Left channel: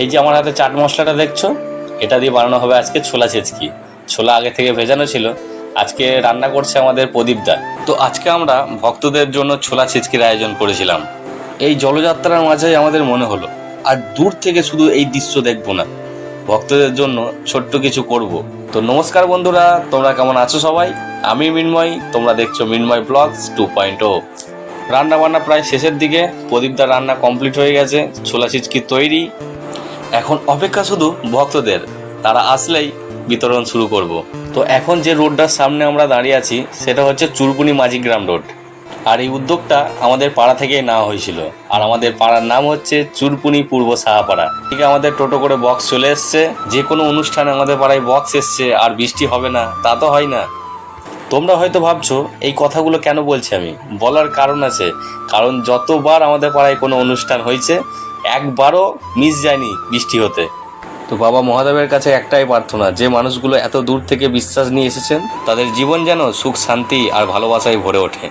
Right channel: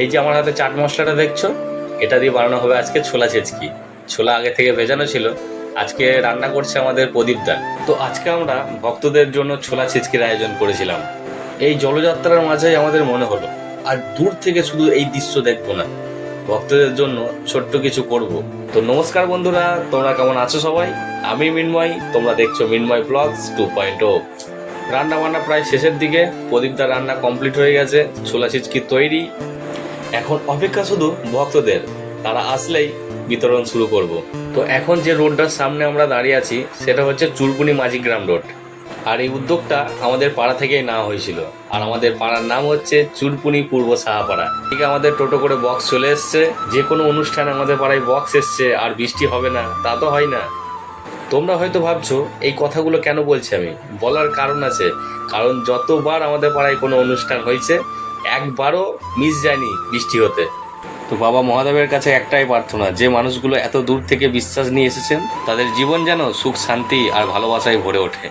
এই যে আমার হাতে চাট মশলাটা দেখছো, এটা দিয়ে বানানো হবে আজকে ছোলা ছেচকি। ছোলা আগে থেকে ভেজানো ছিল, আজকে রান্না করছে আমাদের প্রদীপদা। তো আজকে আমরা ভক্তদের জন্য ছোলা ছেচকির আয়োজন করেছিলাম। এই জলযাত্রার মাঝেই আমাদের মনে হলো আর দূর থেকে শুধু এই দৃশ্য দেখবো না, ভক্তদের জন্য ছোট্ট কিছু করব। তো নমস্কার বন্ধুরা, তোমরা কেমন আছো সবাই? আমি মিন্ময়, তোমরা দেখছো মিন্ময় ব্লগস 2.0। রান্না বান্না প্রায় শেষের দিকে, প্রদীপদার রান্না কমপ্লিট হয়ে গেছে, ছোলা ছিচকি তৈরি। এখন অপেক্ষা শুধু ভক্তদের, তারা আসলেই বিতরণ শুরু করব। তো এখন যে রোডটার সামনে আমরা দাঁড়িয়ে আছি সেটা হচ্ছে চুরপুনি মাঝিগ্রাম রোড। আর এই উদ্যোগটা আমাদের পাড়া থেকেই নেওয়া হয়েছিল। আর আমাদের পাড়ার নাম হচ্ছে চুরপুনি পূর্ব সাহাপাড়া। ঠিক আমাদের টোটো করে বক্স চলে এসছে। যে কোনো অনুষ্ঠানে আমাদের পাড়ায় বক্স এসছে আর বৃষ্টি হবে না তা তো হয় না। তোমরা হয়তো ভাবছো এই কথাগুলো কেন বলছি আমি, বলার কারণ আছে। কারণ যতবার আমাদের পাড়ায় কোনো অনুষ্ঠান হয়েছে একবারও মিস যায়নি বৃষ্টি হতে। তো বাবা মহাদেবের কাছে একটাই প্রার্থনা, যে মানুষগুলো এত দূর থেকে বিশ্বাস নিয়ে এসেছেন তাদের জীবন যেন সুখ শান্তি আর ভালোবাসায় ভরে ওঠে।